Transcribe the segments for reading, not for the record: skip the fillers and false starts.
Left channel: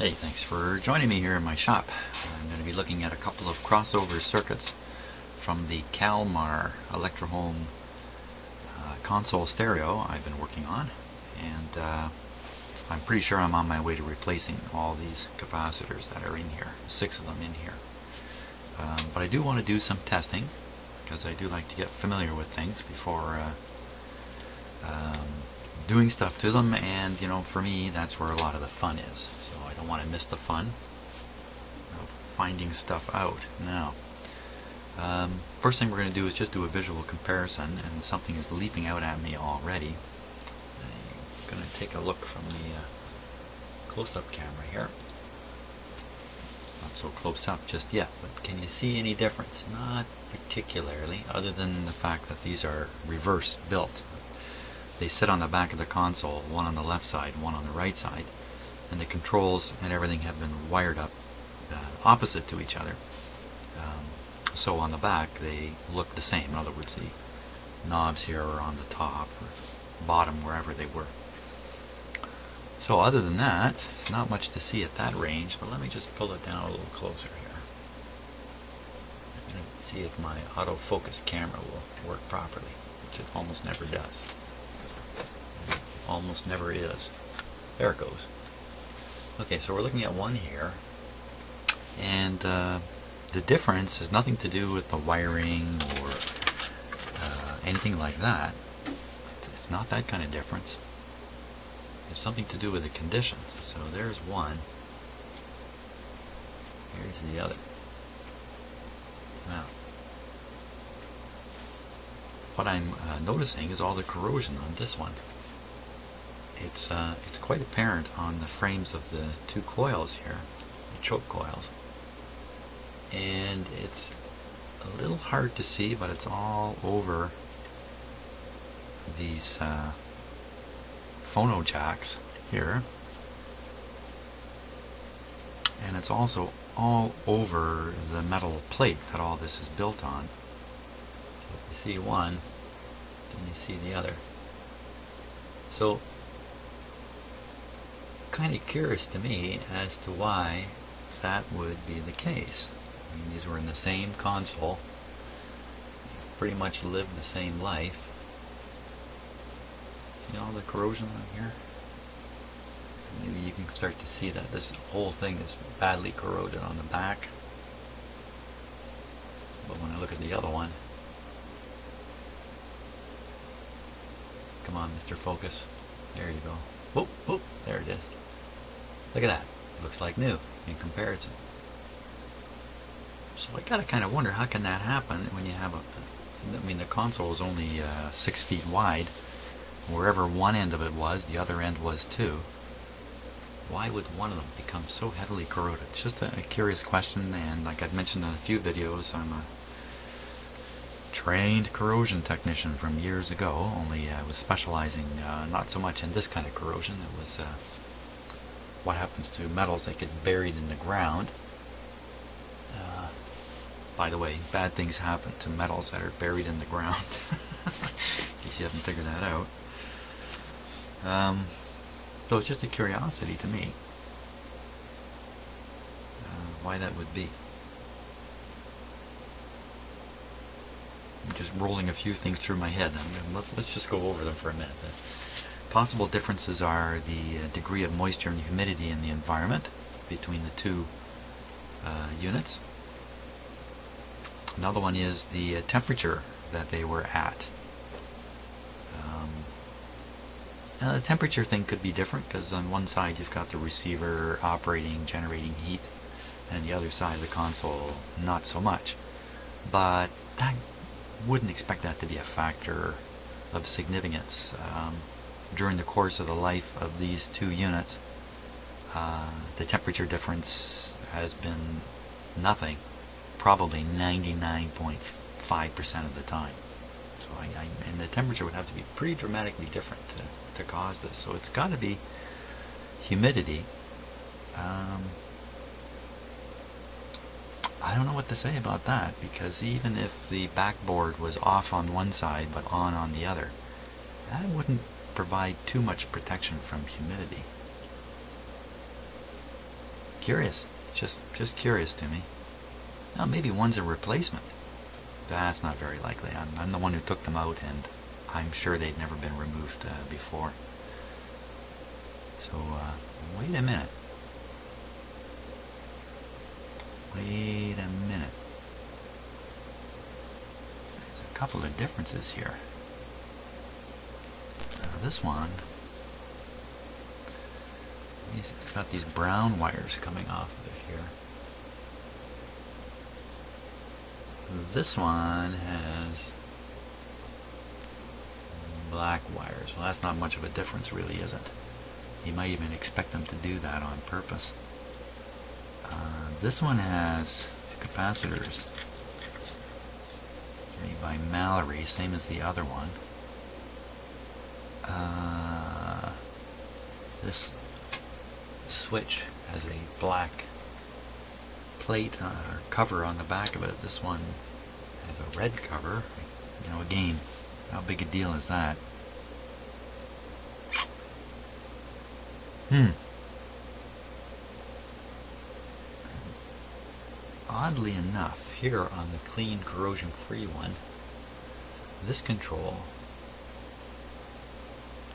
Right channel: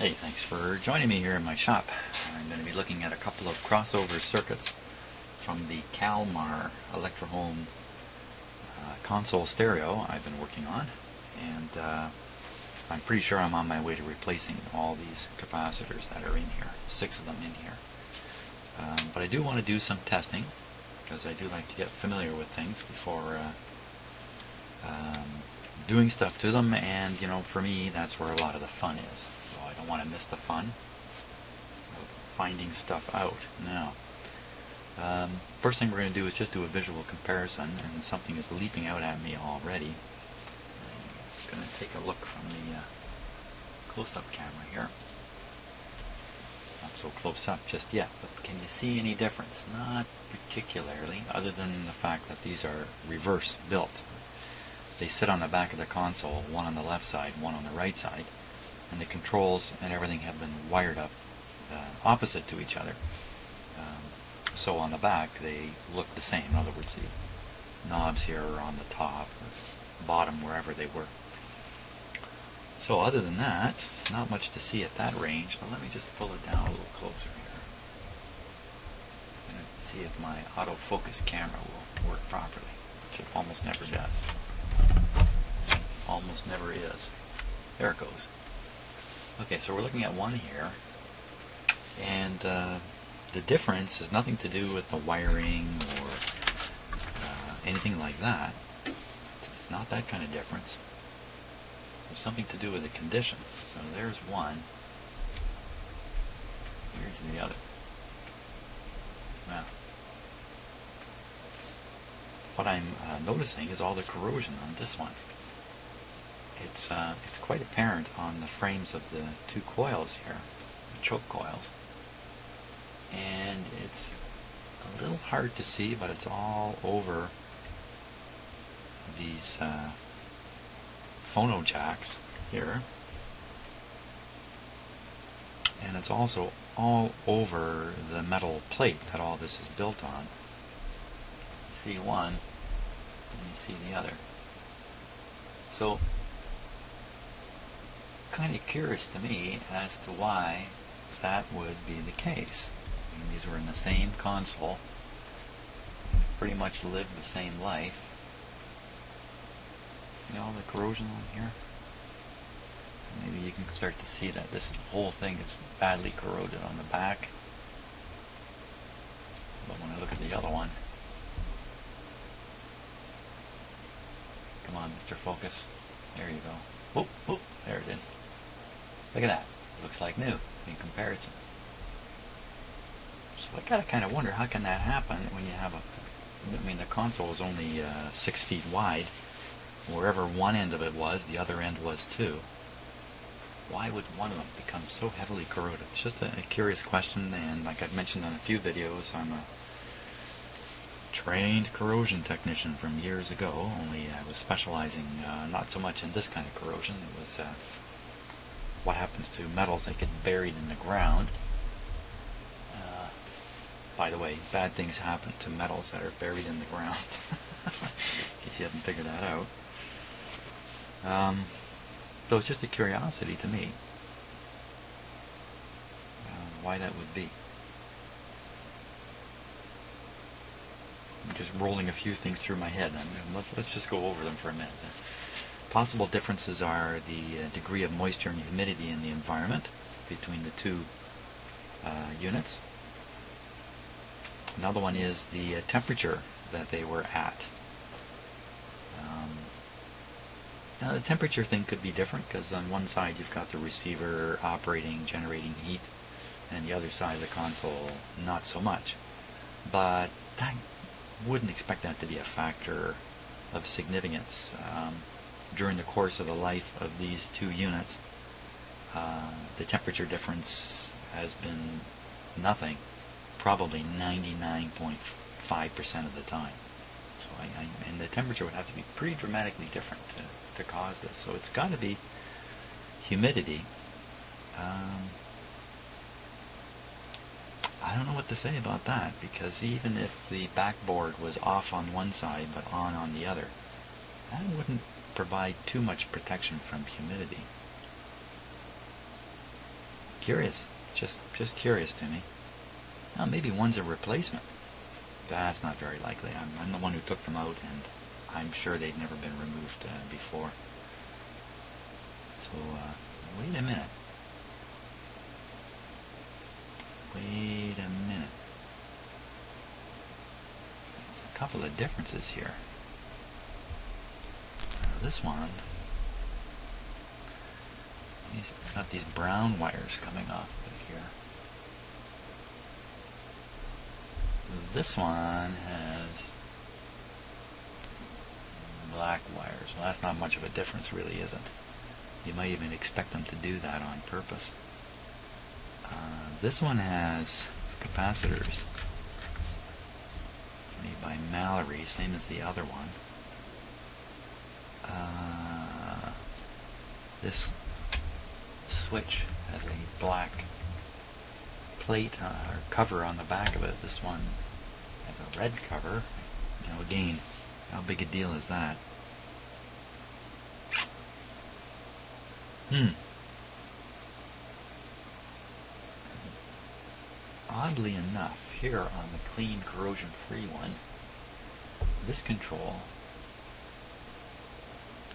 Hey, thanks for joining me here in my shop. I'm going to be looking at a couple of crossover circuits from the Kalmar Electrohome console stereo I've been working on, and I'm pretty sure I'm on my way to replacing all these capacitors that are in here, 6 of them in here. But I do want to do some testing, because I do like to get familiar with things before doing stuff to them, and you know, for me that's where a lot of the fun is. So I don't want to miss the fun of finding stuff out. Now, first thing we're going to do is just do a visual comparison, and something is leaping out at me already. I'm going to take a look from the close-up camera here. Not so close up just yet. Can you see any difference? Not particularly, other than the fact that these are reverse built. They sit on the back of the console, one on the left side, one on the right side, and the controls and everything have been wired up opposite to each other. So on the back they look the same. In other words, the knobs here are on the top or bottom, wherever they were. So other than that, there's not much to see at that range, but let me just pull it down a little closer here. See if my autofocus camera will work properly, which it almost never does. Almost never is. There it goes. Okay, so we're looking at one here, and the difference has nothing to do with the wiring or anything like that. It's not that kind of difference. There's something to do with the condition. So there's one. Here's the other. Now, what I'm noticing is all the corrosion on this one. It's quite apparent on the frames of the two coils here, the choke coils, and it's a little hard to see, but it's all over these phono jacks here, and it's also all over the metal plate that all this is built on. You see one, and you see the other. So, kind of curious to me as to why that would be the case. I mean, these were in the same console, pretty much lived the same life. See all the corrosion on here? Maybe you can start to see that this whole thing is badly corroded on the back. But when I look at the other one, come on, Mr. Focus. There you go. Oh, oh, there it is. Look at that. Looks like new in comparison. So I gotta kind of wonder, how can that happen when you have I mean, the console is only 6 feet wide. Wherever one end of it was, the other end was too. Why would one of them become so heavily corroded? It's just a curious question, and like I've mentioned in a few videos, I'm a trained corrosion technician from years ago, only I was specializing not so much in this kind of corrosion. It was what happens to metals that get buried in the ground. By the way, bad things happen to metals that are buried in the ground, in case you haven't figured that out. So it's just a curiosity to me why that would be. I'm just rolling a few things through my head. Let's just go over them for a minute. The possible differences are the degree of moisture and humidity in the environment between the two units. Another one is the temperature that they were at. Now the temperature thing could be different, because on one side you've got the receiver operating, generating heat, and the other side of the console not so much. But I wouldn't expect that to be a factor of significance. During the course of the life of these two units, the temperature difference has been nothing, probably 99.5% of the time. So and the temperature would have to be pretty dramatically different to cause this. So it's got to be humidity. I don't know what to say about that, because even if the backboard was off on one side but on the other, that wouldn't provide too much protection from humidity. Curious. Just curious to me. Now maybe one's a replacement. That's not very likely. I'm the one who took them out, and I'm sure they'd never been removed before. So, wait a minute. Wait a minute. There's a couple of differences here. Now this one, it's got these brown wires coming off of here. This one has black wires. Well, that's not much of a difference, really, is it? You might even expect them to do that on purpose. This one has capacitors made by Mallory, same as the other one. This switch has a black plate or cover on the back of it. This one has a red cover. You know, again, how big a deal is that? Oddly enough, here on the clean corrosion-free one, this control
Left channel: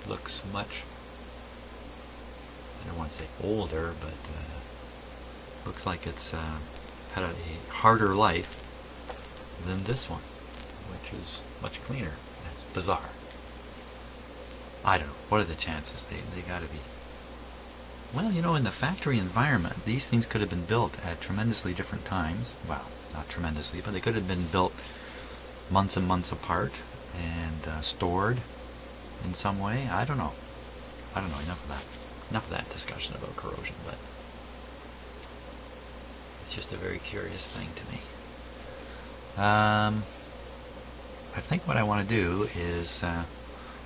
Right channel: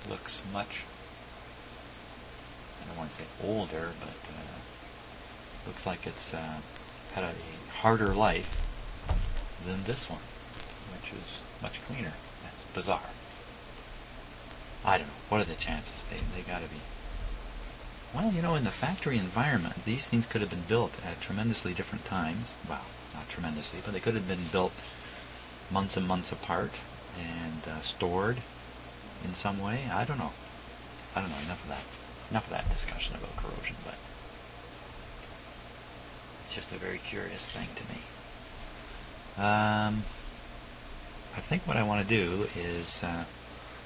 looks much, I don't want to say older, but looks like it's had a harder life than this one, which is much cleaner. That's bizarre. I don't know. What are the chances? They got to be. Well, you know, in the factory environment, these things could have been built at tremendously different times. Well, not tremendously, but they could have been built months and months apart and stored in some way. I don't know. Enough of that. Enough of that discussion about corrosion, but it's just a very curious thing to me. I think what I want to do is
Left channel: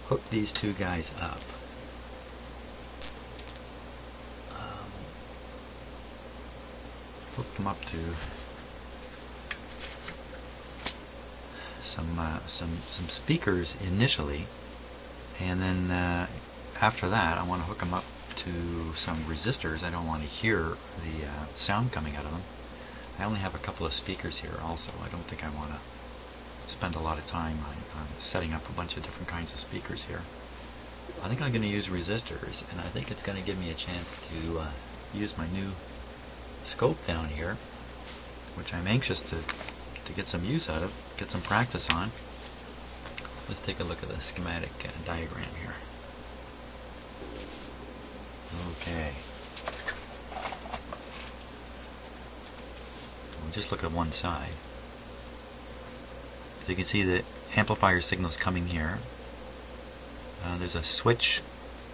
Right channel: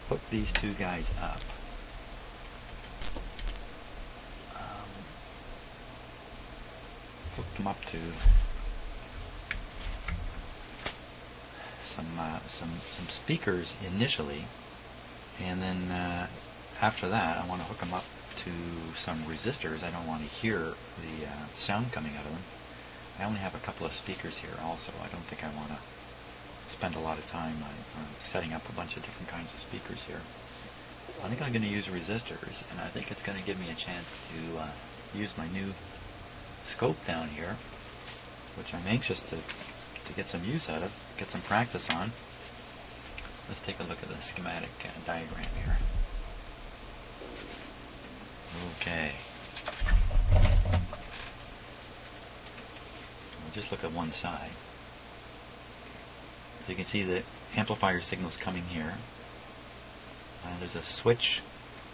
hook these two guys up. Hook them up to some speakers initially, and then after that I want to hook them up to some resistors. I don't want to hear the sound coming out of them. I only have a couple of speakers here also. I don't think I want to spend a lot of time on setting up a bunch of different kinds of speakers here. I think I'm going to use resistors, and I think it's going to give me a chance to use my new scope down here, which I'm anxious to get some use out of, get some practice on. Let's take a look at the schematic diagram here. Okay. We'll just look at one side. So you can see the amplifier signals coming here. There's a switch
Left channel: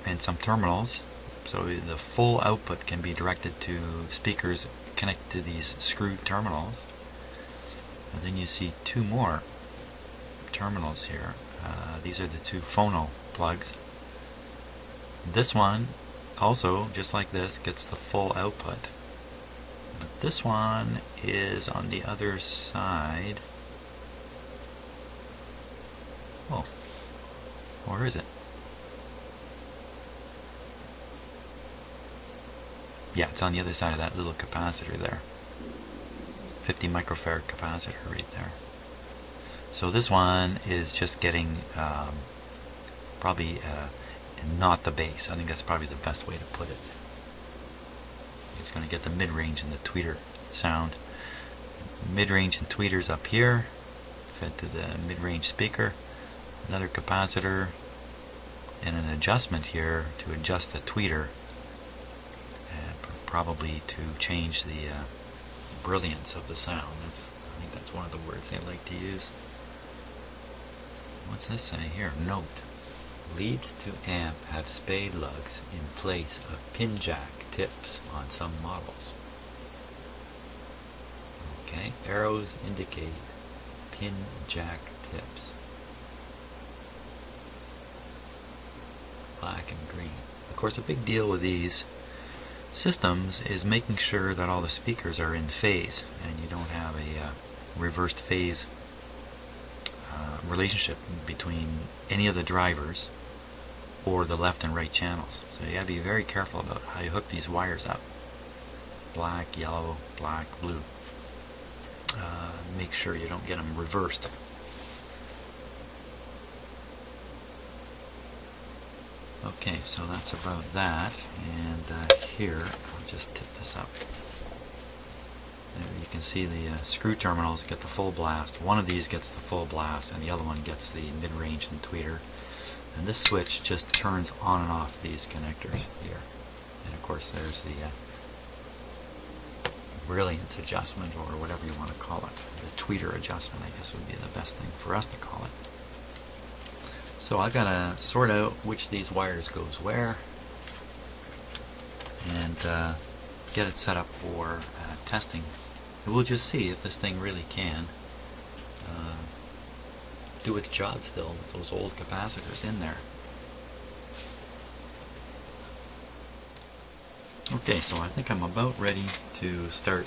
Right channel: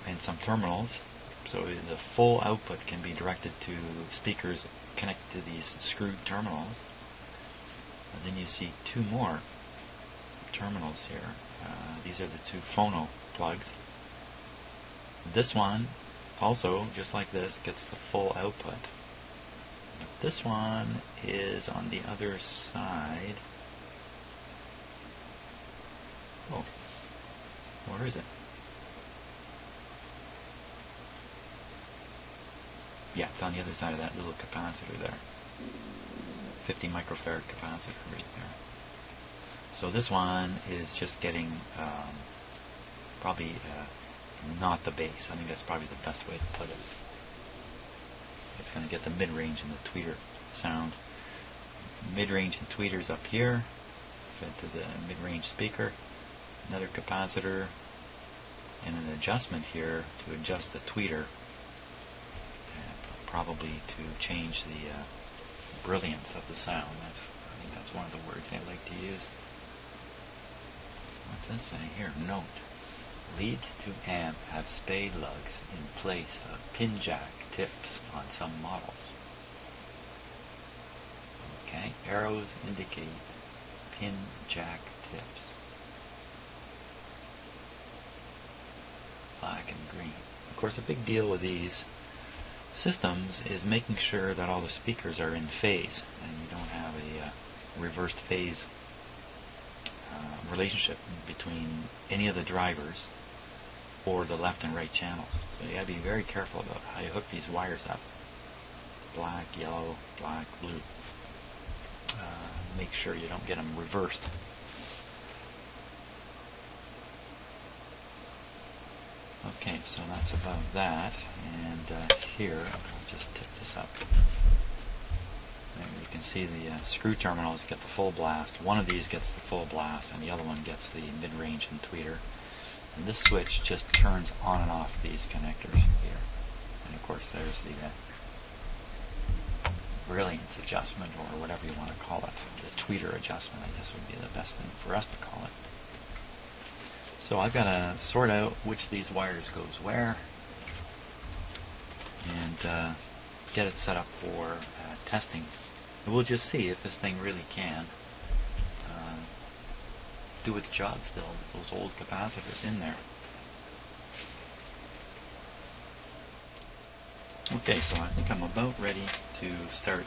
and some terminals, so the full output can be directed to speakers connected to these screwed terminals. And then you see two more terminals here. These are the two phono plugs. This one also, just like this, gets the full output. But this one is on the other side. Oh, or is it? Yeah, it's on the other side of that little capacitor there. 50 microfarad capacitor right there. So this one is just getting probably not the bass. I think that's probably the best way to put it. It's going to get the mid-range and the tweeter sound. Mid-range and tweeters up here, fed to the mid-range speaker. Another capacitor and an adjustment here to adjust the tweeter, probably to change the brilliance of the sound. I think that's one of the words I'd like to use. What's this say here? Note: leads to amp have spade lugs in place of pin jack tips on some models. Okay, arrows indicate pin jack tips. Black and green. Of course, a big deal with these systems is making sure that all the speakers are in phase and you don't have a reversed phase relationship between any of the drivers or the left and right channels. So you have to be very careful about how you hook these wires up. black, yellow, black, blue. Make sure you don't get them reversed. Okay, so that's about that. And here, I'll just take this up. And you can see the screw terminals get the full blast. One of these gets the full blast, and the other one gets the mid-range and tweeter. And this switch just turns on and off these connectors here. And of course, there's the brilliance adjustment, or whatever you want to call it. The tweeter adjustment, I guess, would be the best thing for us to call it. So I've got to sort out which of these wires goes where, and get it set up for testing. We'll just see if this thing really can do its job still with those old capacitors in there. Okay, so I think I'm about ready to start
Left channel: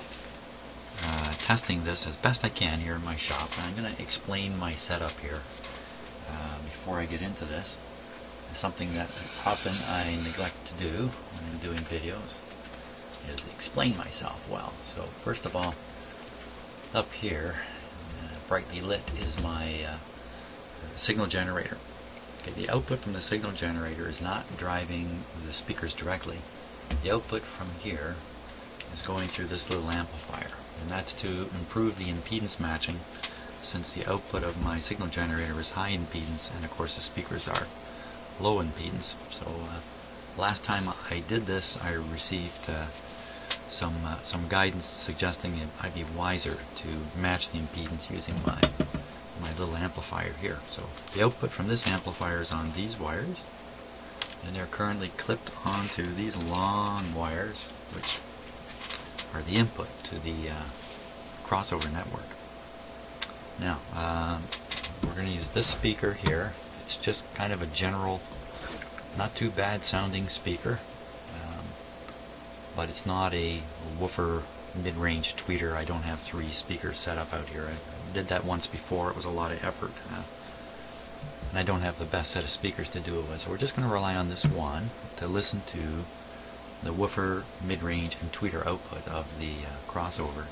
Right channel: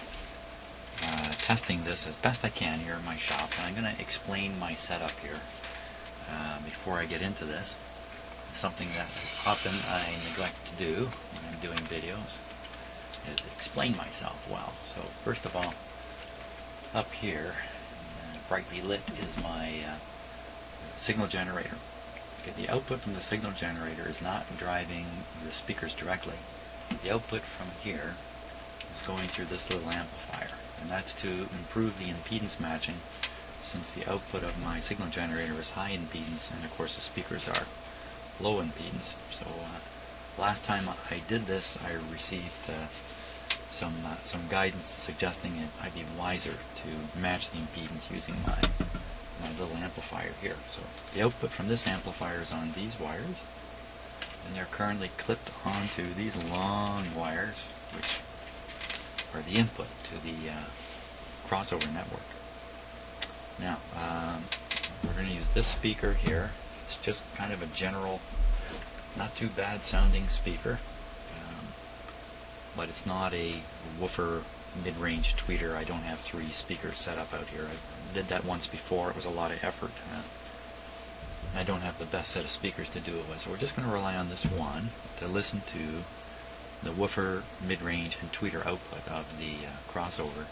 testing this as best I can here in my shop. And I'm going to explain my setup here before I get into this. Something that often I neglect to do when I'm doing videos is explain myself well. So first of all, up here, brightly lit, is my signal generator. Okay, the output from the signal generator is not driving the speakers directly. The output from here is going through this little amplifier, and that's to improve the impedance matching, since the output of my signal generator is high impedance and of course the speakers are low impedance. So last time I did this, I received some guidance suggesting it might be wiser to match the impedance using my little amplifier here. So the output from this amplifier is on these wires, and they're currently clipped onto these long wires, which are the input to the crossover network. Now, we're going to use this speaker here. It's just kind of a general, not too bad sounding speaker, but it's not a woofer mid-range tweeter. I don't have 3 speakers set up out here. I did that once before. It was a lot of effort. And I don't have the best set of speakers to do it with, so we're just going to rely on this one to listen to the woofer, mid-range, and tweeter output of the crossover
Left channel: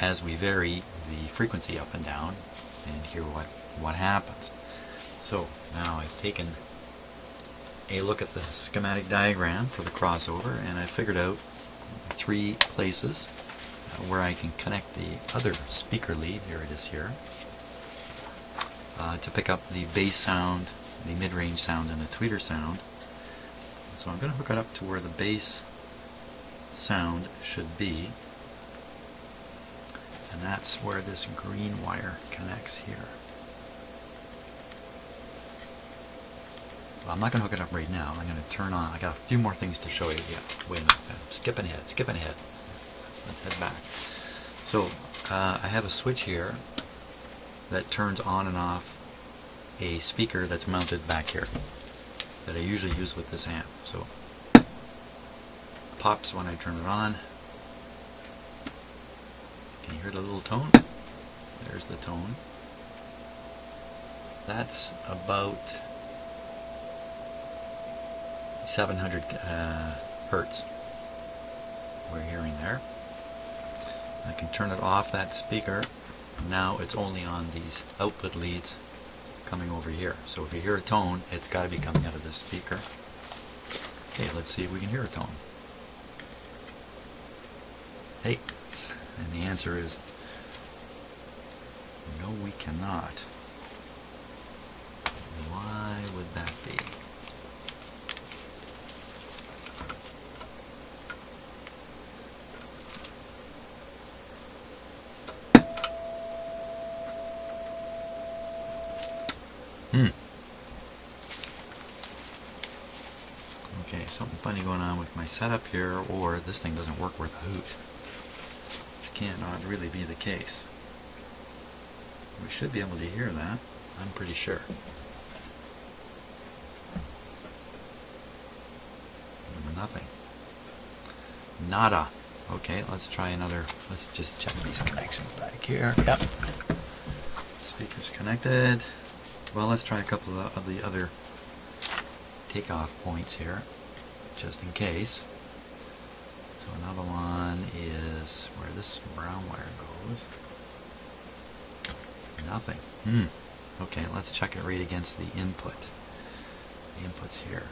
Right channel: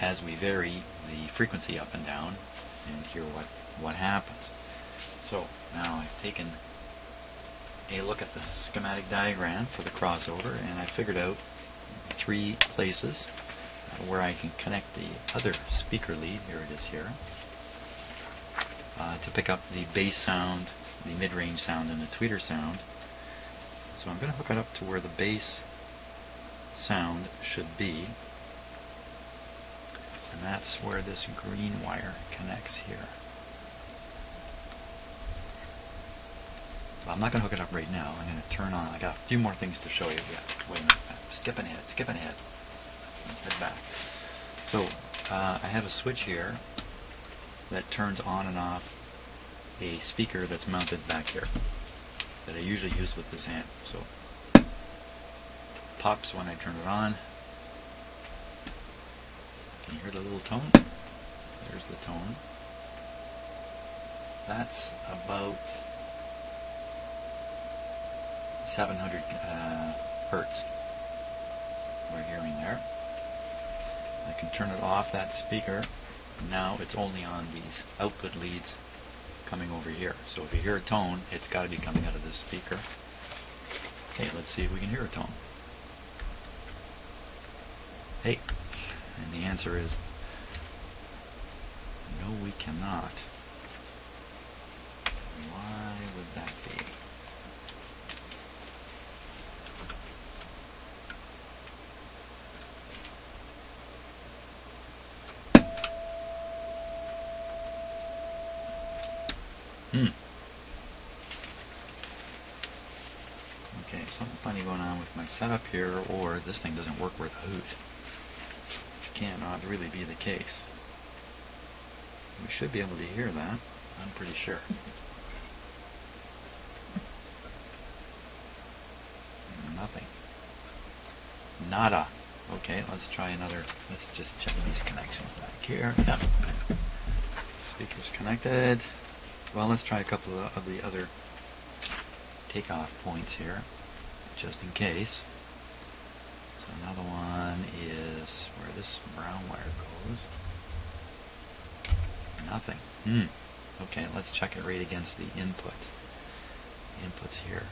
as we vary the frequency up and down and hear what happens. So now I've taken a look at the schematic diagram for the crossover, and I figured out 3 places where I can connect the other speaker lead, there it is here, to pick up the bass sound, the mid-range sound, and the tweeter sound. So I'm going to hook it up to where the bass sound should be, and that's where this green wire connects here. Well, I'm not going to hook it up right now. I'm going to turn on, I got a few more things to show you here. Wait a minute, skipping ahead. Let's head back. So I have a switch here that turns on and off a speaker that's mounted back here that I usually use with this amp. So it pops when I turn it on. Can you hear the little tone? There's the tone. That's about 700 hertz we're hearing there. I can turn it off, that speaker. Now it's only on these output leads coming over here. So if you hear a tone, it's got to be coming out of this speaker. Okay, let's see if we can hear a tone. Hey, and the answer is no, we cannot. Why would that be? Okay, something funny going on with my setup here, or this thing doesn't work worth a hoot. Which cannot really be the case. We should be able to hear that, I'm pretty sure. Nothing. Nada. Okay, let's try another. Let's just check this connection back here. Yep. Speaker's connected. Well, let's try a couple of the other takeoff points here, just in case. So another one this brown wire goes. Nothing. Okay, let's check it right against the input. The input's here.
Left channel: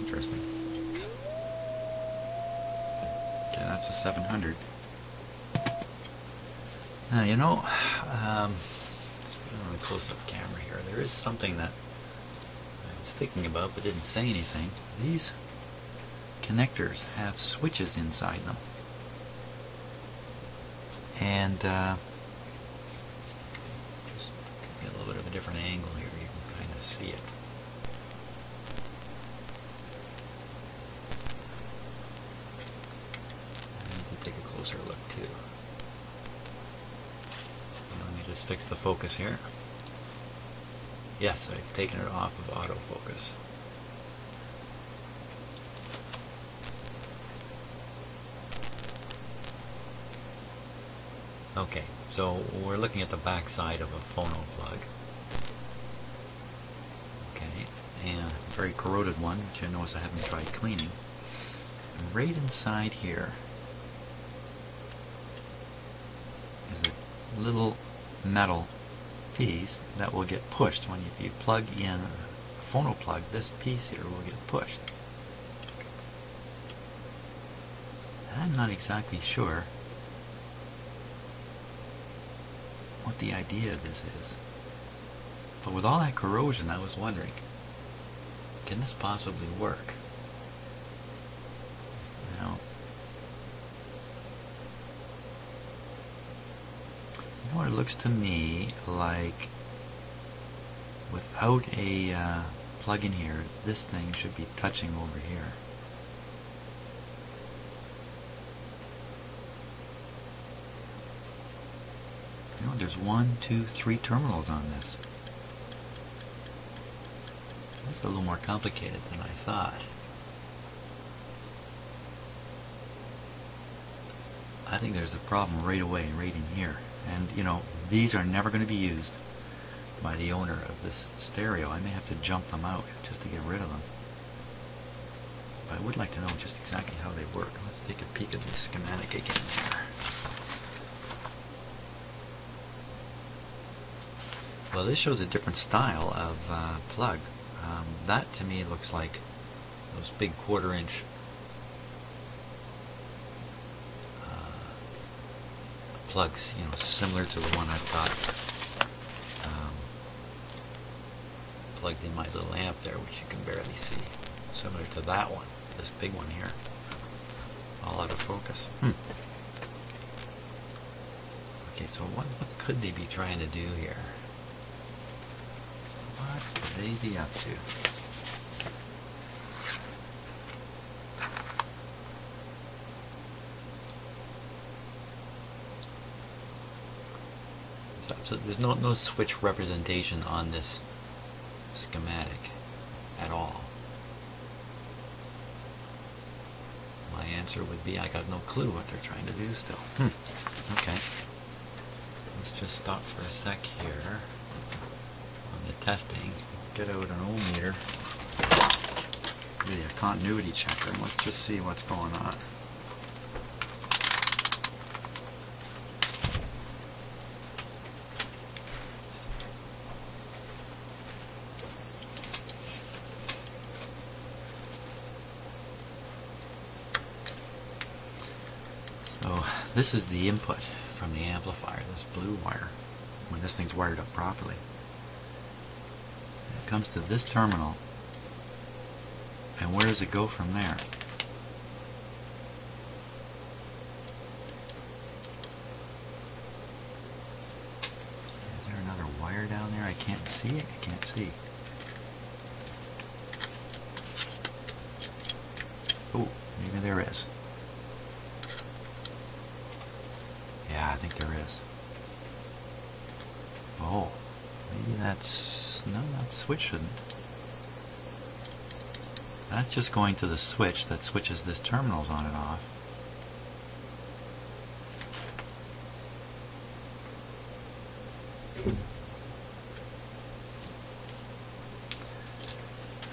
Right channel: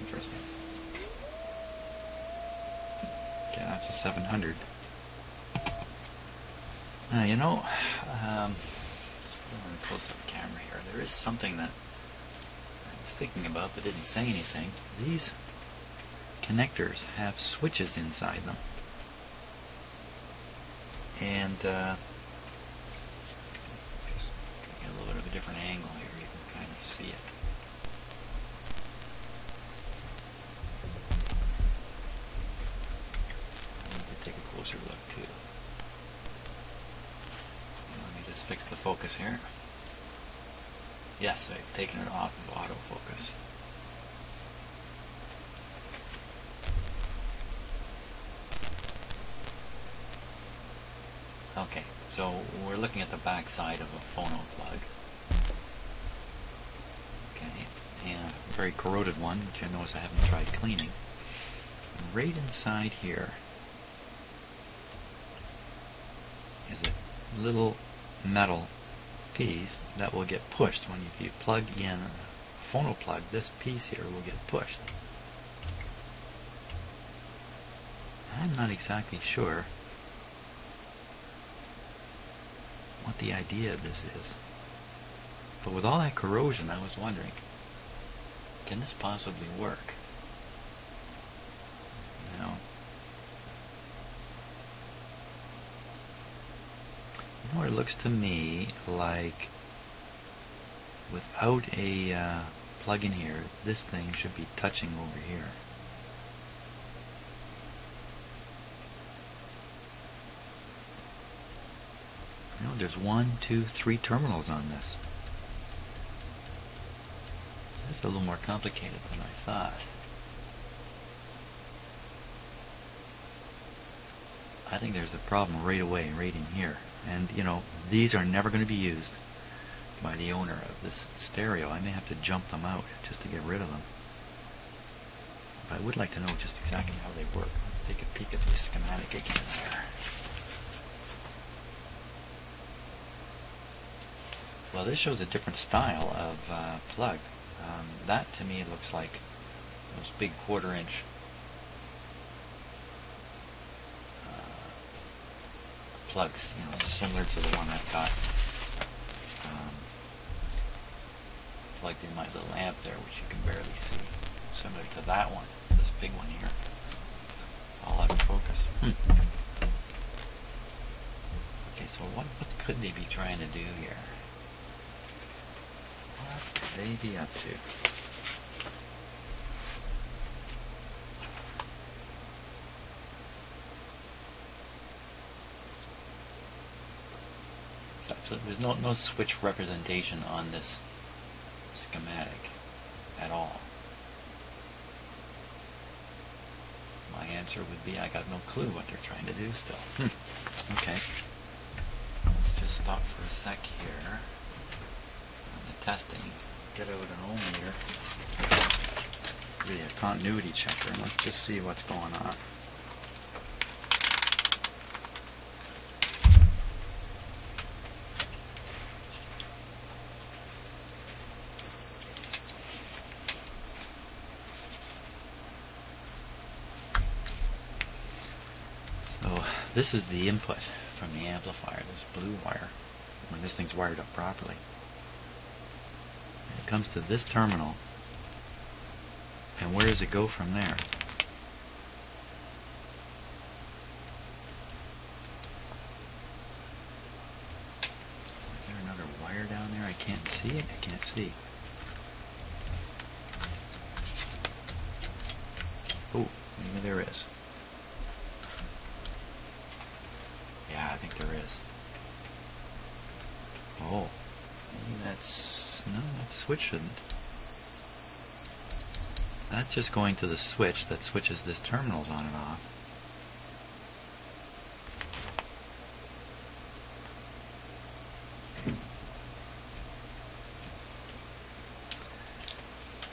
Interesting. Okay, that's a 700. Now, you know, let's put on a close-up camera here. There is something that I was thinking about but didn't say anything. These connectors have switches inside them. And just get a little bit of a different angle here. You can kind of see it. You can take a closer look too. Let me just fix the focus here. Yes, I've taken it off of autofocus. Okay, so we're looking at the back side of a phono plug. Okay, and a very corroded one, which I notice I haven't tried cleaning. And right inside here is a little metal piece that will get pushed when you plug in a phono plug. This piece here will get pushed. I'm not exactly sure what the idea of this is, but with all that corrosion, I was wondering, can this possibly work? Now, more it looks to me like without a plug in here, this thing should be touching over here. Well, there's 1, 2, 3 terminals on this. That's a little more complicated than I thought. I think there's a problem right away, right in here. And, you know, these are never going to be used by the owner of this stereo. I may have to jump them out just to get rid of them. But I would like to know just exactly how they work. Let's take a peek at the schematic again here. Well, this shows a different style of plug. That to me looks like those big 1/4-inch plugs, you know, similar to the one I've got plugged in my little amp there, which you can barely see. Similar to that one, this big one here. All out of focus. Okay, so what could they be trying to do here? What could they be up to? So there's no switch representation on this schematic at all. My answer would be I got no clue what they're trying to do still. Okay. Let's just stop for a sec here on the testing. Get out an ohm meter. Maybe a continuity checker, and let's just see what's going on. This is the input from the amplifier, this blue wire, when this thing's wired up properly. It comes to this terminal, and where does it go from there? Is there another wire down there? I can't see it. I can't see. Oh, maybe there is. I think there is. Oh, maybe that's... no, that switch shouldn't. That's just going to the switch that switches this terminals on and off.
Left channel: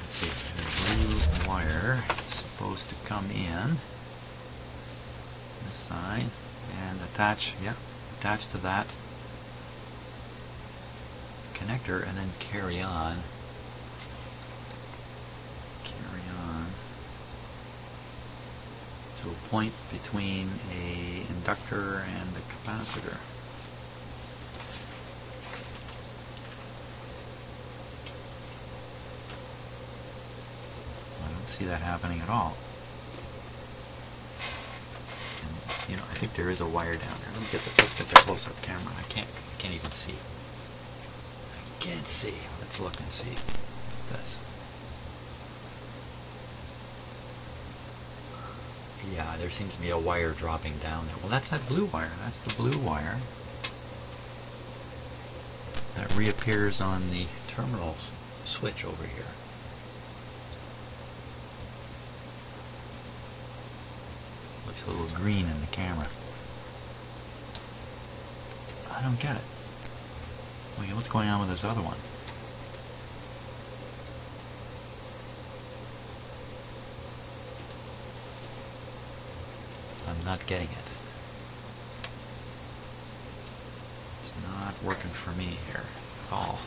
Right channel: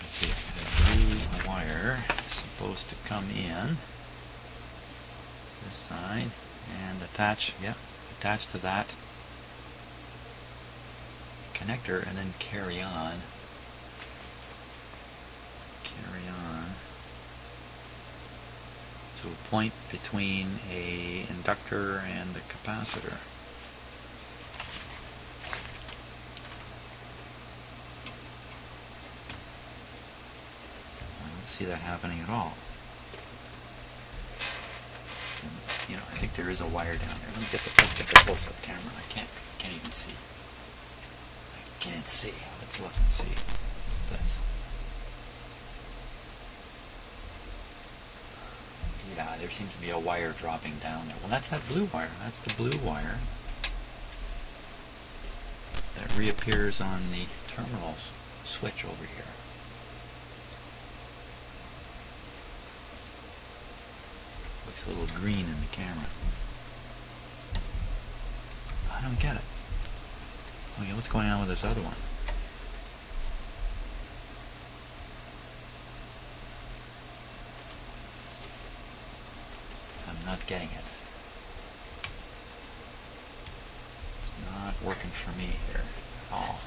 Let's see, the blue wire is supposed to come in. this side and attach to that connector, and then carry on to a point between a inductor and the capacitor. I don't see that happening at all. And, you know, I think there is a wire down there. Let's get the close-up camera. I can't even see. I can't see. Let's look and see this. Yeah, there seems to be a wire dropping down there. Well, that's that blue wire. That's the blue wire that reappears on the terminal switch over here. Looks a little green in the camera. I don't get it. Okay, what's going on with this other one? Getting it. It's not working for me here at all.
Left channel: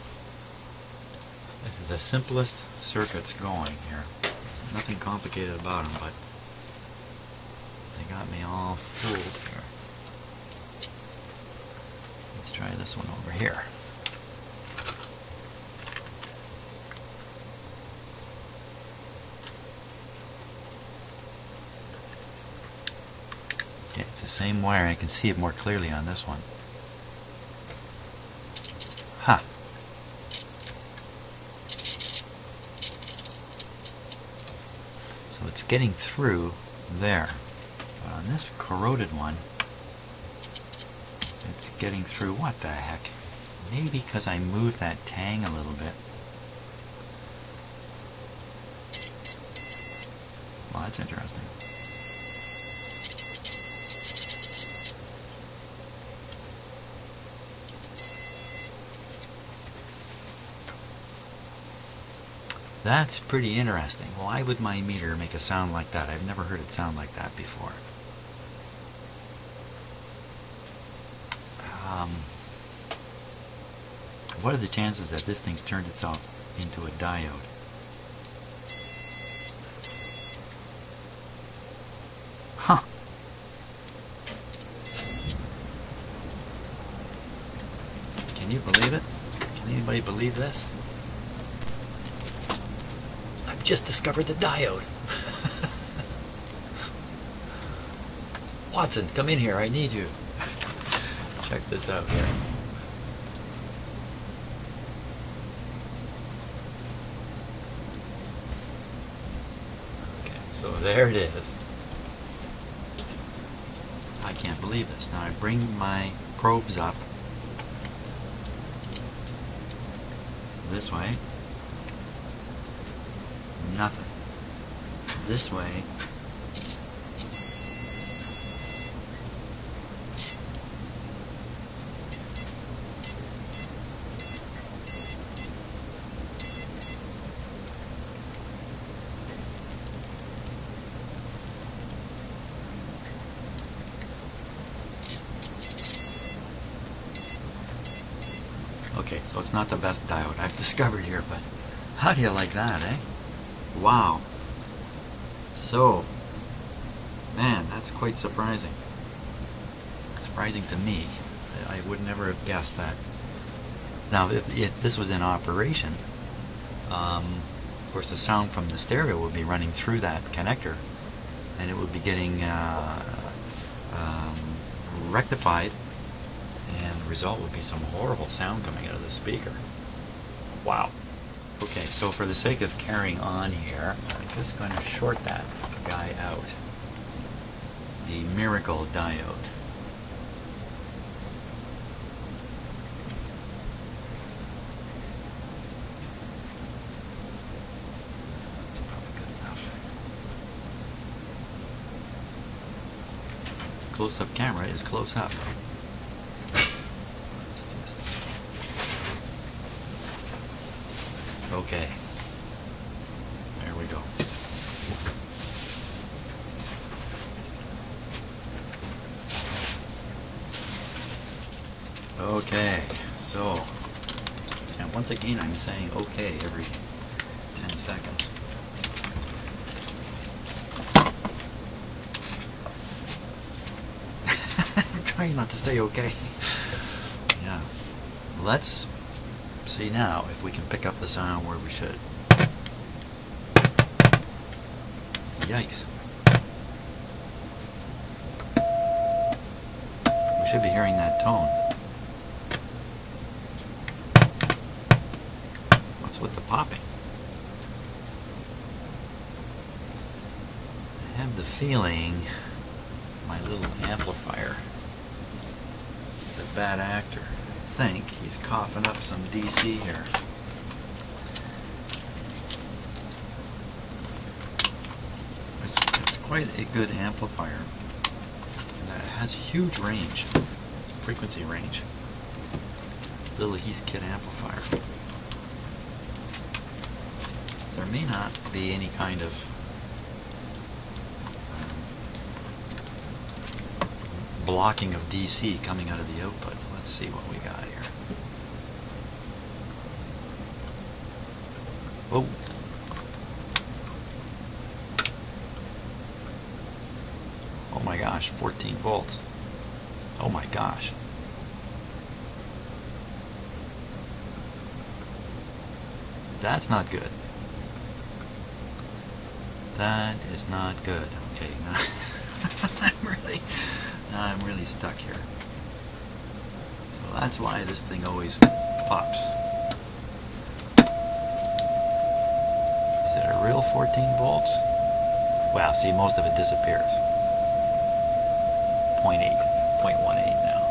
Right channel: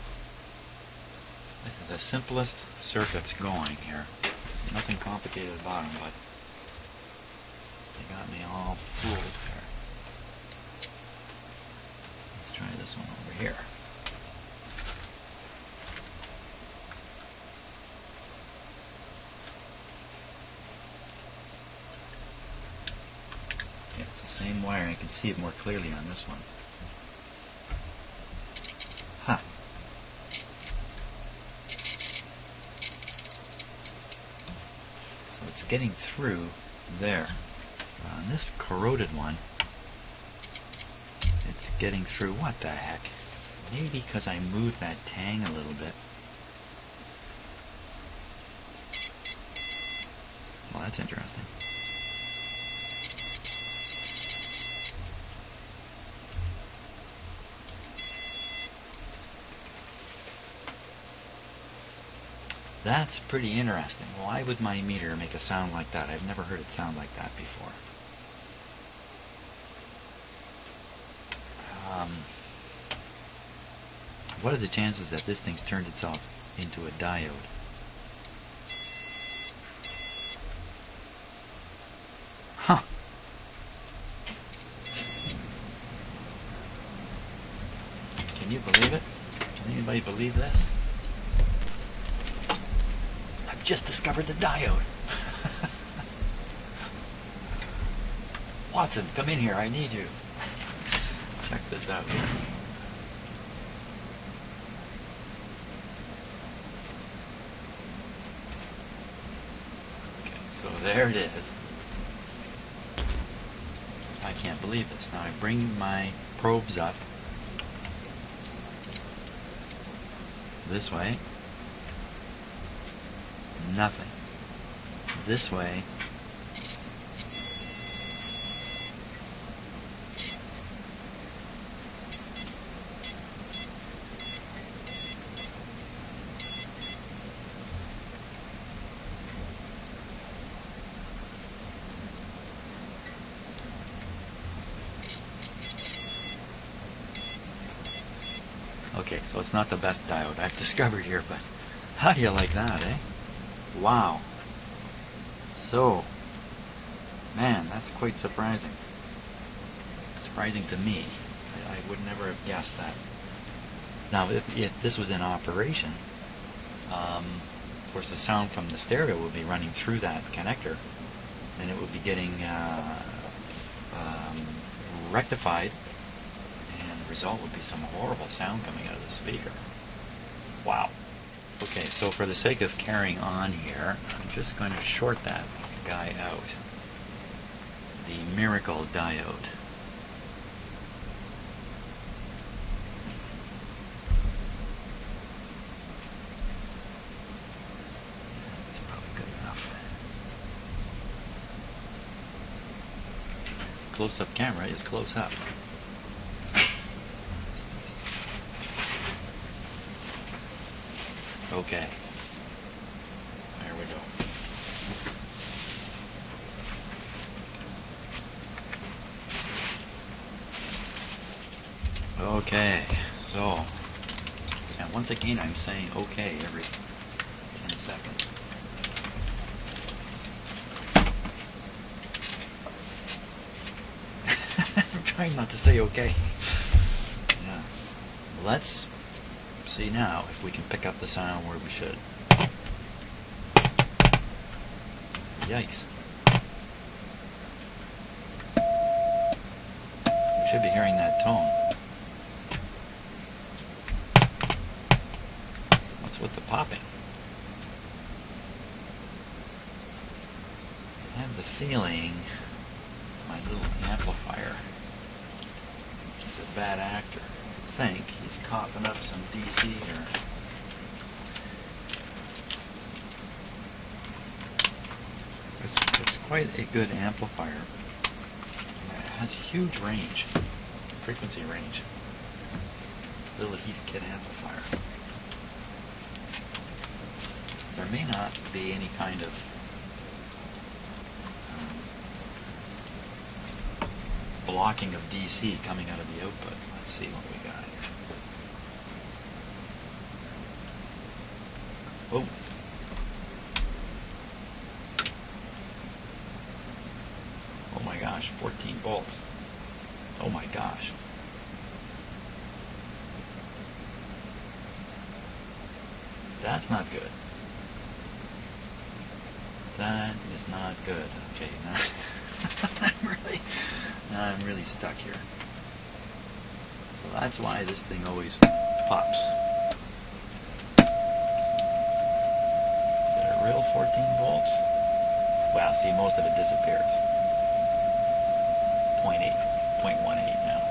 This is the simplest circuits going here. There's nothing complicated about them, but they got me all fooled here. Let's try this one over here. It's the same wire. I can see it more clearly on this one. Ha! So it's getting through there. But on this corroded one, it's getting through what the heck? Maybe because I moved that tang a little bit. Well, that's interesting. That's pretty interesting. Why would my meter make a sound like that? I've never heard it sound like that before. What are the chances that this thing's turned itself into a diode? Huh. Can you believe it? Can anybody believe this? Just discovered the diode. Watson, come in here. I need you. Check this out here. Okay, so there it is. I can't believe this. Now I bring my probes up this way. Nothing. This way. Okay, so it's not the best diode I've discovered here, but how do you like that, eh? Wow. So, man, that's quite surprising. Surprising to me. I would never have guessed that. Now, if this was in operation, of course the sound from the stereo would be running through that connector, and it would be getting rectified, and the result would be some horrible sound coming out of the speaker. Wow. Okay, so for the sake of carrying on here, I'm just going to short that guy out. The miracle diode. That's probably good enough. Close-up camera is close up. Okay. There we go. once again, I'm saying okay every 10 seconds. I'm trying not to say okay. Yeah. Let's see now if we can pick up the sound where we should. Yikes. We should be hearing that tone. What's with the popping? I have the feeling my little amplifier is a bad actor. I think he's coughing up some DC here. It's quite a good amplifier. It has huge range, frequency range. Little Heathkit amplifier. There may not be any kind of blocking of DC coming out of the output. Let's see what we got here. Oh. Oh my gosh, 14 volts. Oh my gosh. That's not good. That is not good. I'm really stuck here. So that's why this thing always pops. Is it a real 14 volts? Wow, see, most of it disappears. 0.8, 0.18 now.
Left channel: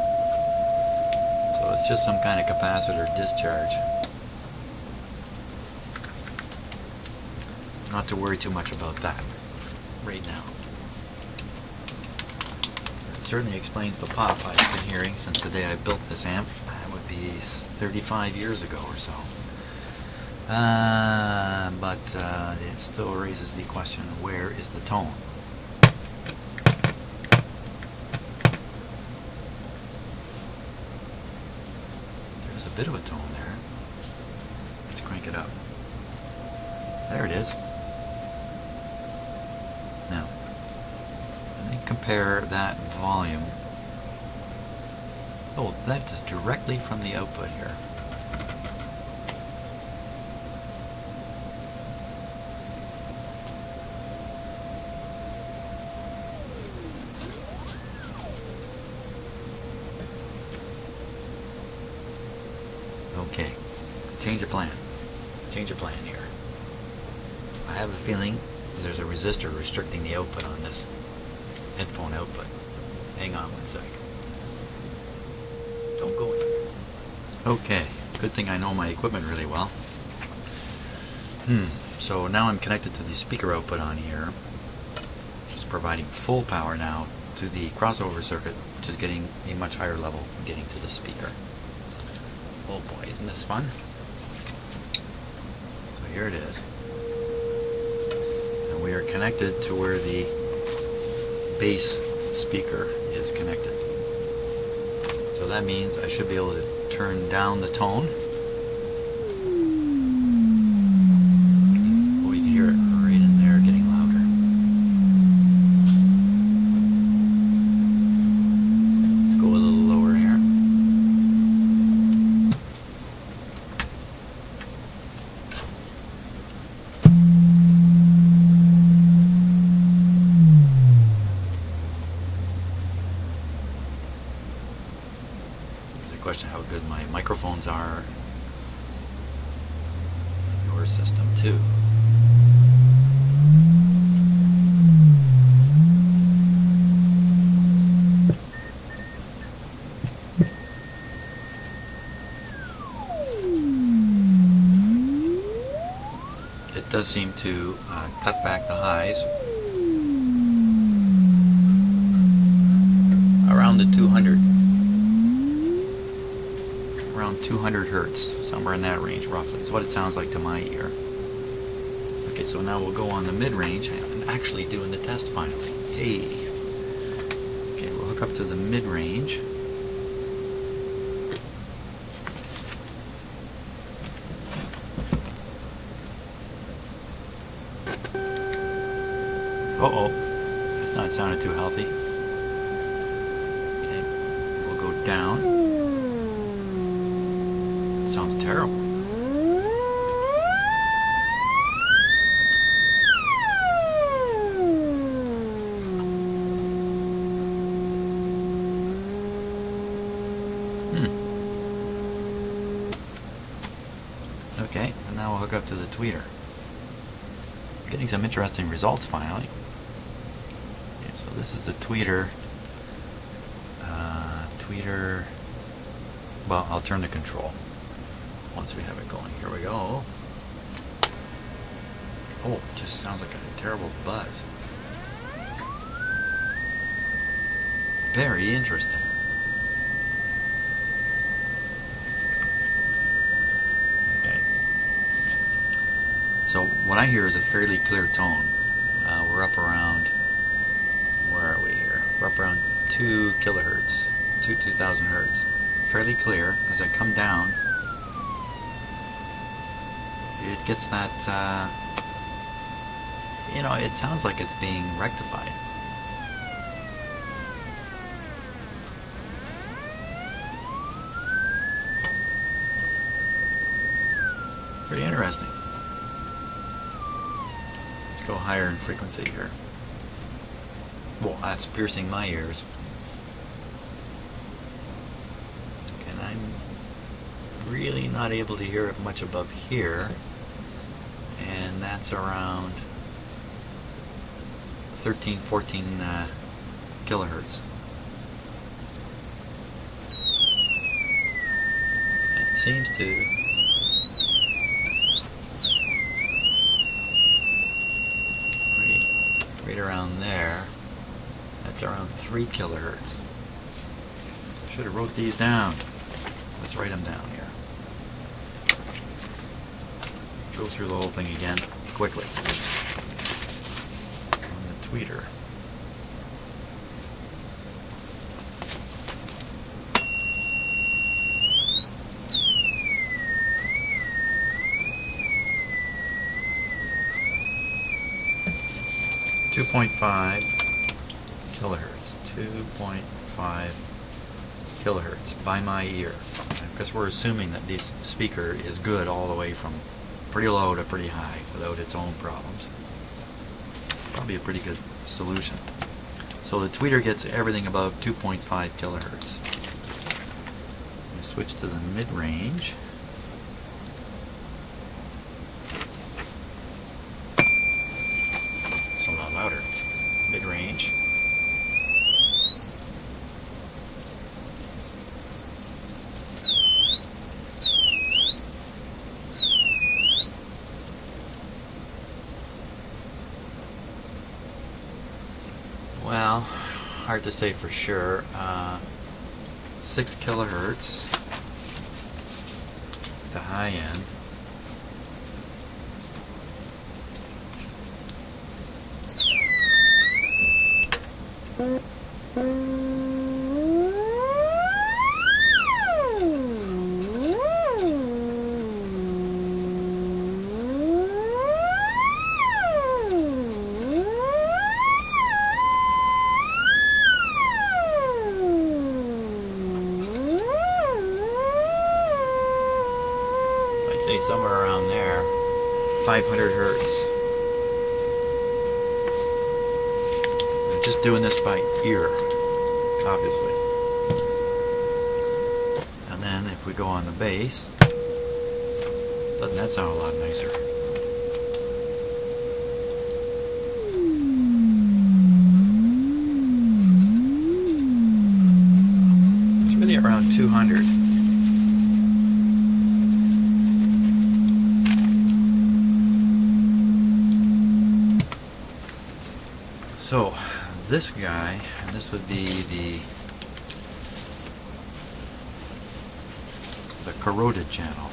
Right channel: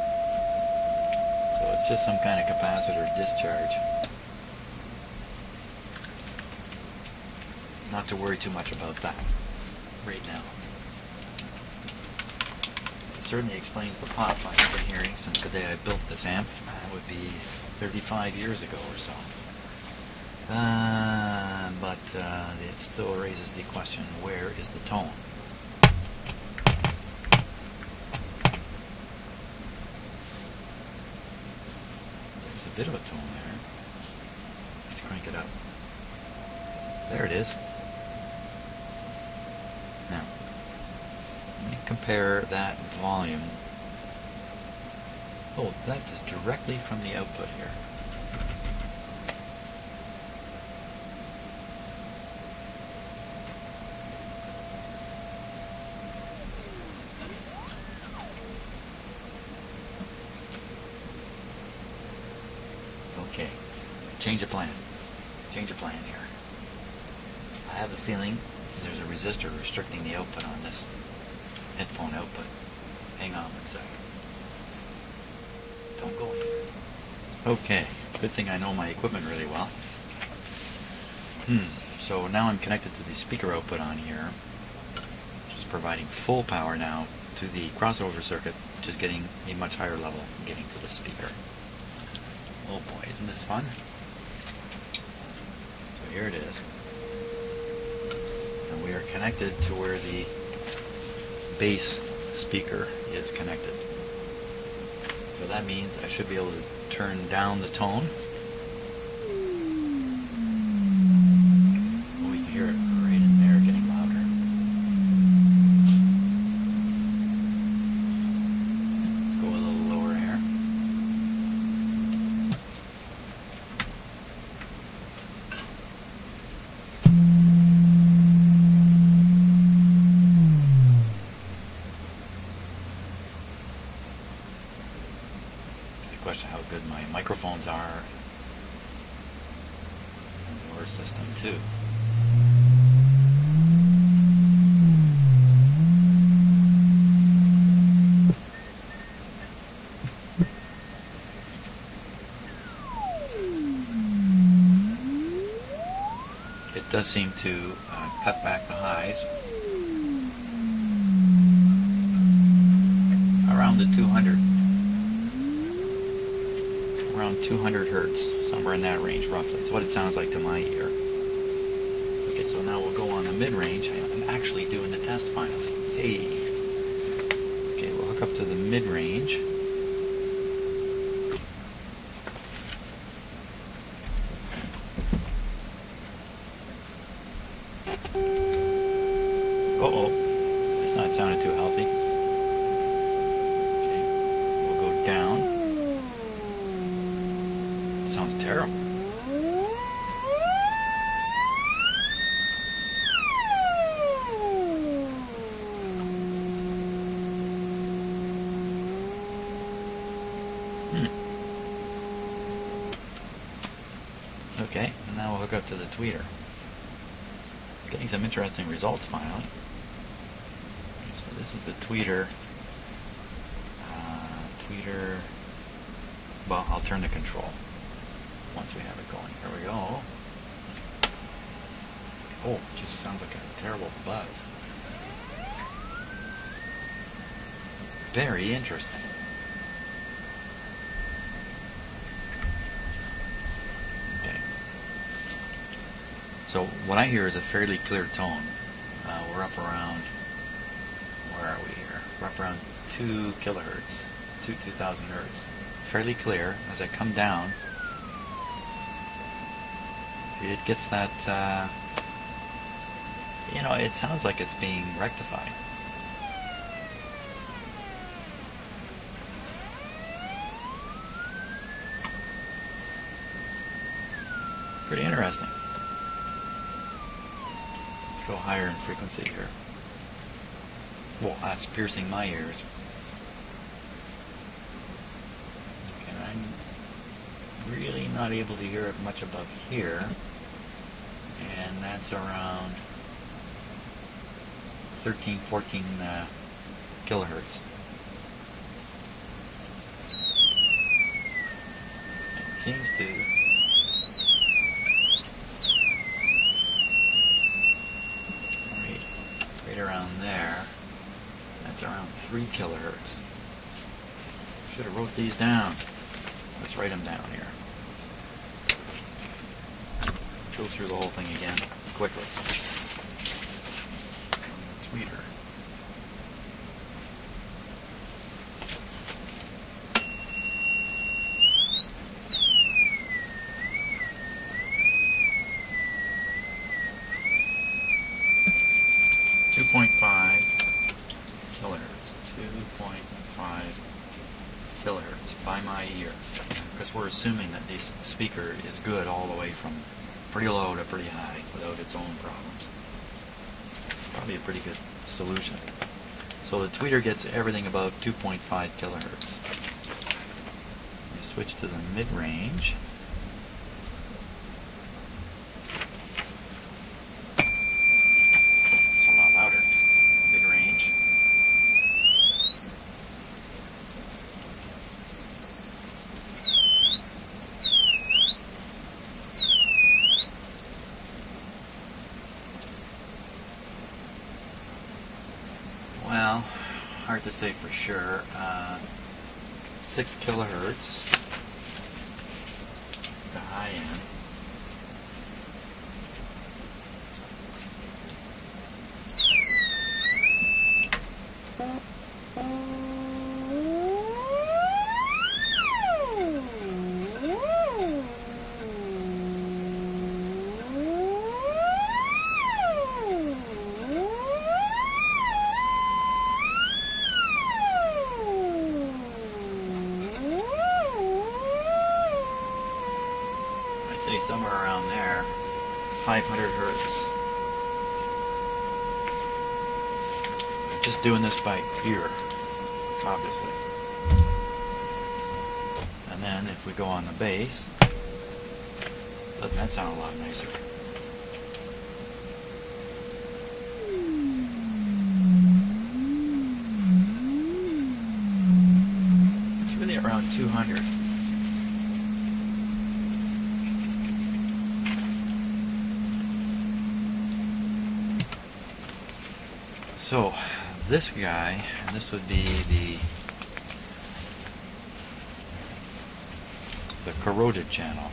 So it's just some kind of capacitor discharge. Not to worry too much about that right now. It certainly explains the pop I've been hearing since the day I built this amp. That would be 35 years ago or so. But it still raises the question, where is the tone? There's a bit of a tone there. Let's crank it up. There it is. Now, let me compare that volume. Oh, that is directly from the output here. Okay, change of plan. Change of plan here. I have a feeling there's a resistor restricting the output on this headphone output. Hang on one second. Don't go in. Okay, good thing I know my equipment really well. So now I'm connected to the speaker output on here, just providing full power now to the crossover circuit, which is getting a much higher level getting to the speaker. Oh boy, isn't this fun? Here it is. And we are connected to where the bass speaker is connected. So that means I should be able to turn down the tone. Oh, you can hear it right in there getting louder. Let's go a little lower here. Question how good my microphones are in your system too. It does seem to cut back the highs around the 200 hertz, somewhere in that range roughly. It's what it sounds like to my ear. Okay, so now we'll go on the mid-range. I'm actually doing the test finally. Hey. Okay, we'll hook up to the mid-range. Uh-oh. It's not sounding too healthy. Okay. We'll go down. It sounds terrible. Okay, and now we'll hook up to the tweeter. Getting some interesting results finally. Okay, so this is the tweeter. Well, I'll turn the control once we have it going. Here we go. Oh, it just sounds like a terrible buzz. Very interesting. So what I hear is a fairly clear tone. We're up around, where are we here? We're up around 2 kilohertz, 2000 hertz. Fairly clear. As I come down, it gets that, it sounds like it's being rectified. Pretty interesting. Go higher in frequency here. Well, that's piercing my ears. And I'm really not able to hear it much above here. And that's around 13, 14 kilohertz. It seems to around 3 kilohertz. Should have wrote these down. Let's write them down here. Go through the whole thing again quickly. On the tweeter. .5 kilohertz, 2.5 kilohertz by my ear, because we're assuming that this speaker is good all the way from pretty low to pretty high without its own problems. Probably a pretty good solution. So the tweeter gets everything above 2.5 kilohertz. You switch to the mid-range. Well, hard to say for sure. 6 kilohertz, the high end. Somewhere around there, 500 hertz. I'm just doing this by ear, obviously. And then if we go on the bass, let that sound a lot nicer. It's really around 200. So this guy, this would be the corroded channel.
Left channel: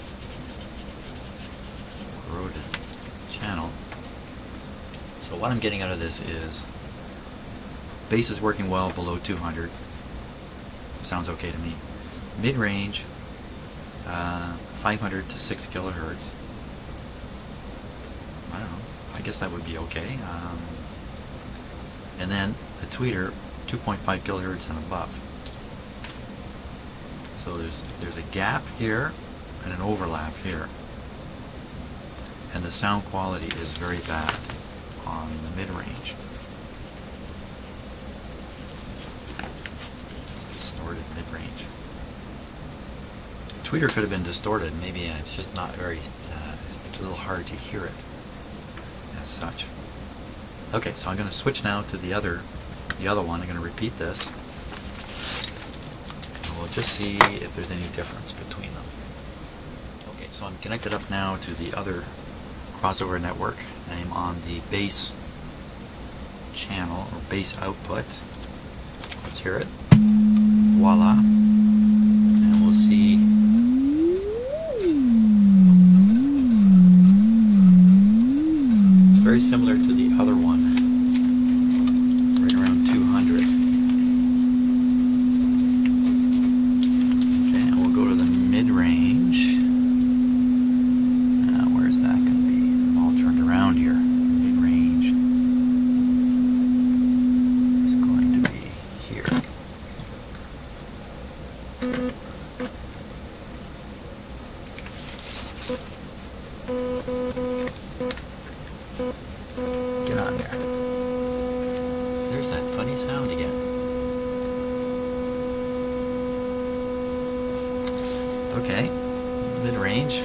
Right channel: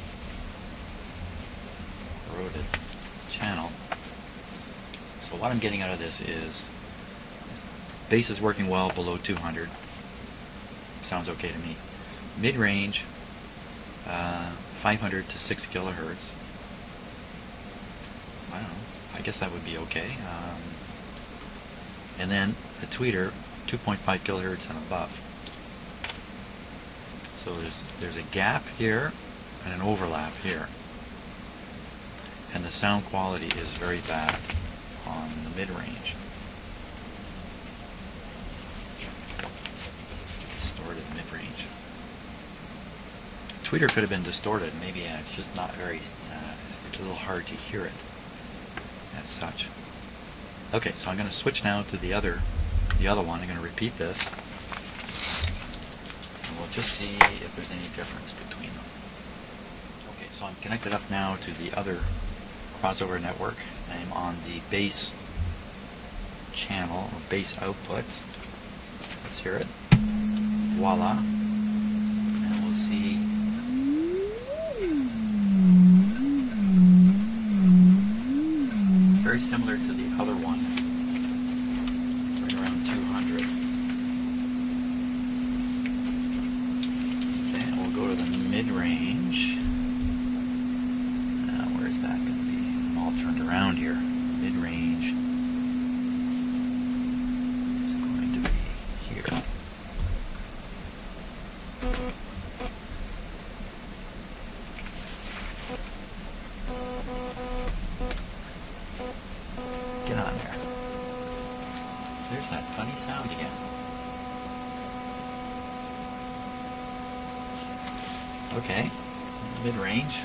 So what I'm getting out of this is bass is working well below 200. Sounds okay to me. Mid-range, 500 to 6 kilohertz. I don't know. I guess that would be okay. and then the tweeter 2.5 kilohertz and above. So there's a gap here and an overlap here, and the sound quality is very bad on the mid-range. Distorted mid-range. Tweeter could have been distorted. Maybe it's just not very. It's a little hard to hear it as such. Okay, so I'm going to switch now to the other one. I'm going to repeat this. And we'll just see if there's any difference between them. Okay, so I'm connected up now to the other crossover network. I'm on the bass channel, or bass output. Let's hear it. Voila. And we'll see. It's very similar to the other one. Right around 200. Okay, now we'll go to the mid-range. Where's that going to be? All turned around here. Mid-range is going to be here. Get on there. There's that funny sound again. Okay, mid-range.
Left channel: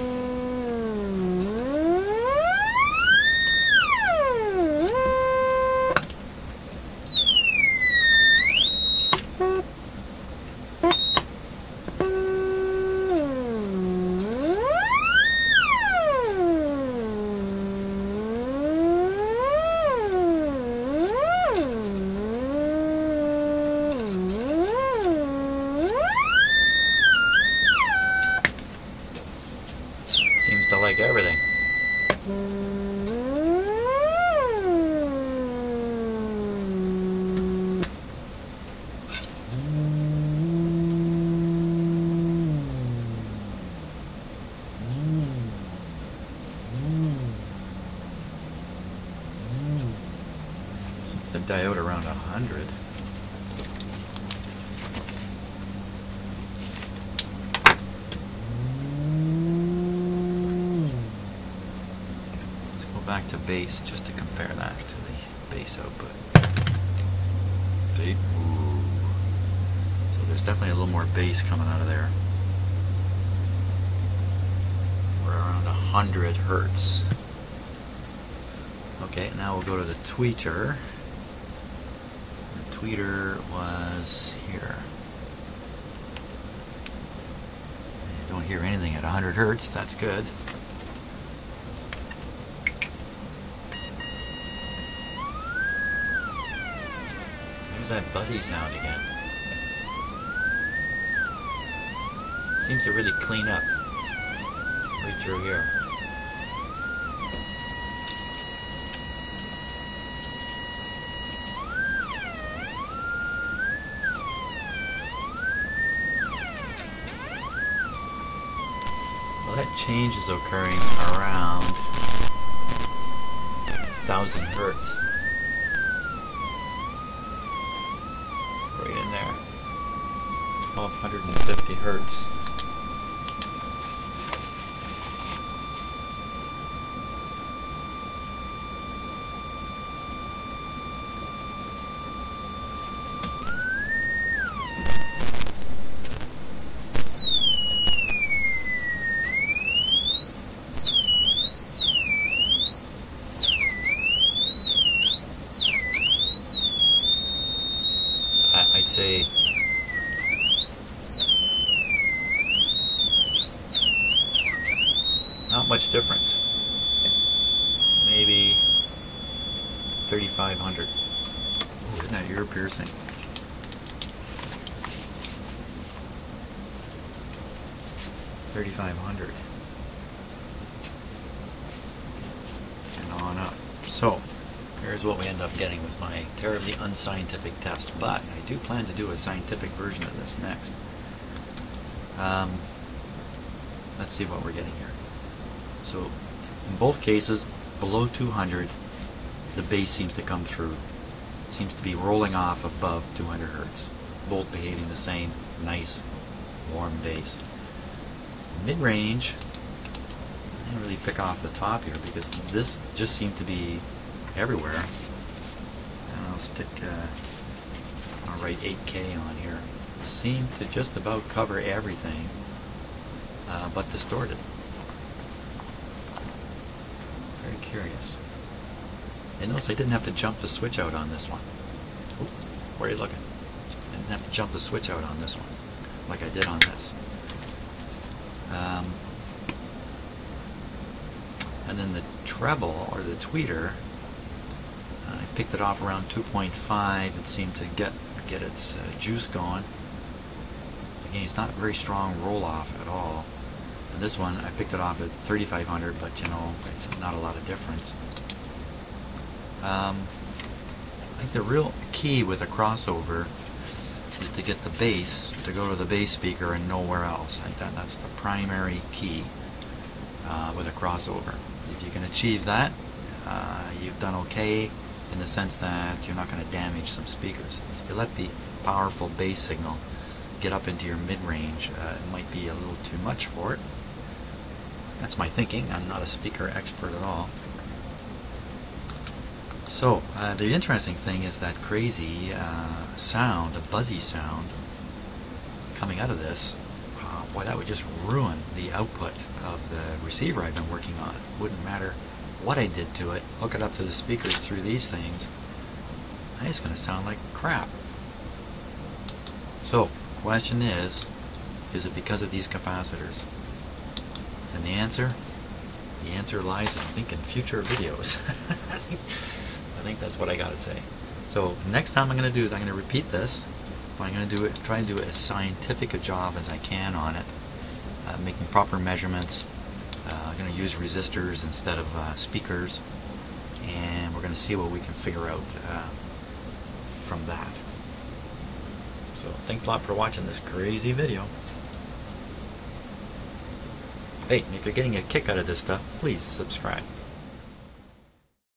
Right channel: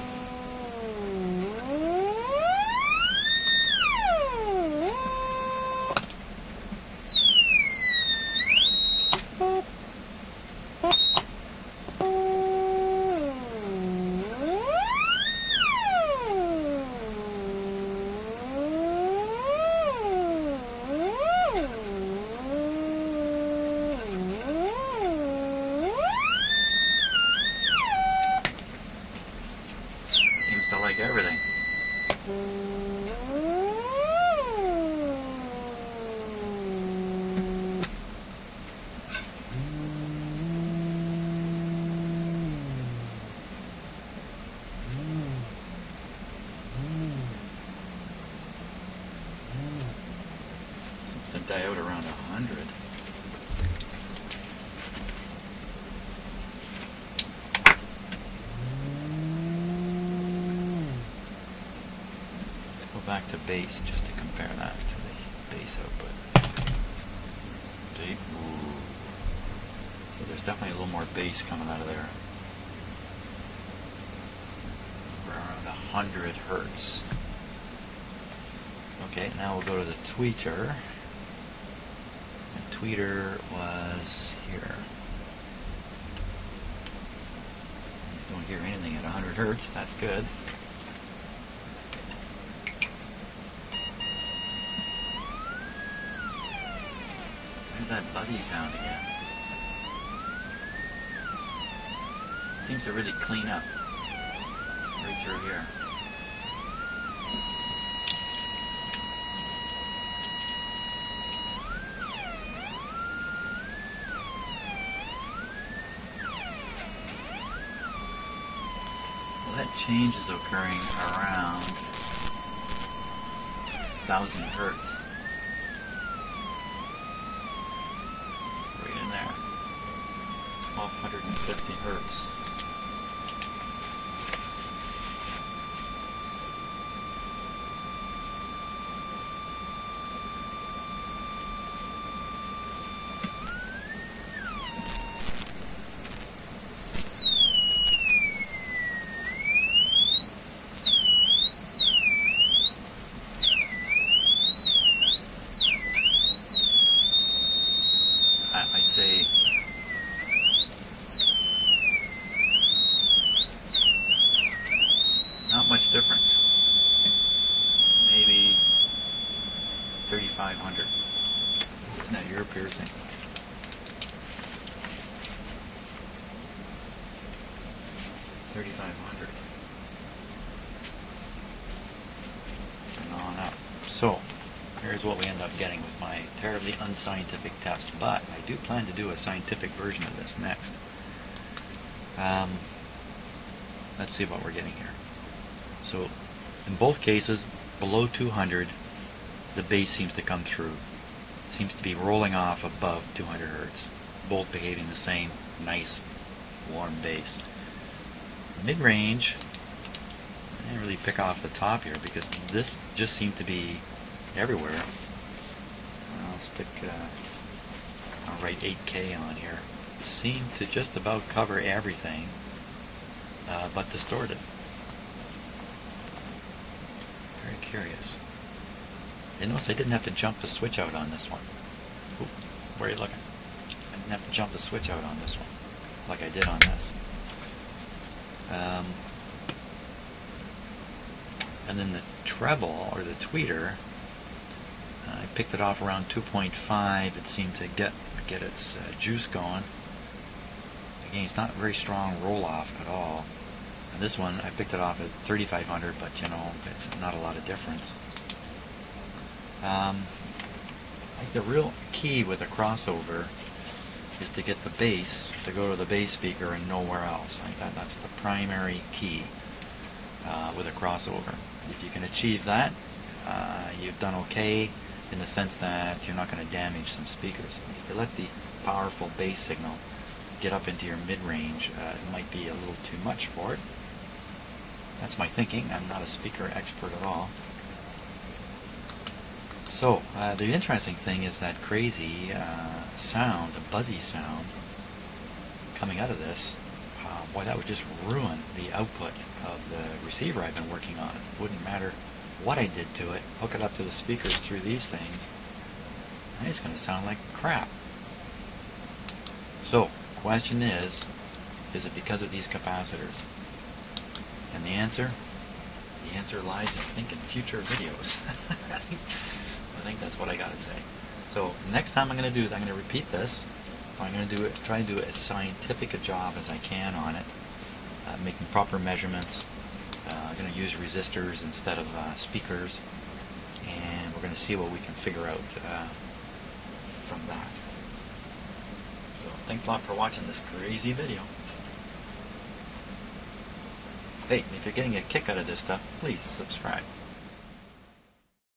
Seems to like everything. Seems to diode around 100. Bass just to compare that. Bass output. Okay. So there's definitely a little more bass coming out of there. We're around 100 hertz. Okay, now we'll go to the tweeter. The tweeter was here. You don't hear anything at 100 hertz. That's good. That buzzy sound again. Seems to really clean up right through here. Well, that change is occurring around 1000 hertz. Right in there. 1250 hertz. I'd say not much difference. Maybe 3,500. Look at that ear piercing. $3,500. And on up. So here's what we end up getting with my terribly unscientific test, but I do plan to do a scientific version of this next. Let's see what we're getting here. So in both cases, below 200, the bass seems to come through seems to be rolling off above 200 Hertz. Both behaving the same, nice, warm bass. Mid-range, I can't really pick off the top here because this just seemed to be everywhere. I'll stick, I'll write 8K on here. Seem to just about cover everything, but distorted. Very curious. And notice I didn't have to jump the switch out on this one. Oop, where are you looking? I didn't have to jump the switch out on this one, like I did on this. And then the treble, or the tweeter, I picked it off around 2.5. It seemed to get its juice going. Again, it's not a very strong roll-off at all. And this one, I picked it off at 3,500, but you know, it's not a lot of difference. I think the real key with a crossover is to get the bass to go to the bass speaker and nowhere else. I think that's the primary key with a crossover. If you can achieve that, you've done okay in the sense that you're not going to damage some speakers. If you let the powerful bass signal get up into your mid-range, it might be a little too much for it. That's my thinking. I'm not a speaker expert at all. So, the interesting thing is that crazy sound, the buzzy sound coming out of this. Boy, that would just ruin the output of the receiver I've been working on. It wouldn't matter what I did to it, hook it up to the speakers through these things. It's going to sound like crap. So, question is it because of these capacitors? And the answer lies, I think, in future videos. I think that's what I gotta say. So next time I'm going to do is I'm going to repeat this. I'm going to try to do as scientific a job as I can on it, making proper measurements. I'm going to use resistors instead of speakers, and we're going to see what we can figure out from that. So thanks a lot for watching this crazy video. Hey, if you're getting a kick out of this stuff, please subscribe.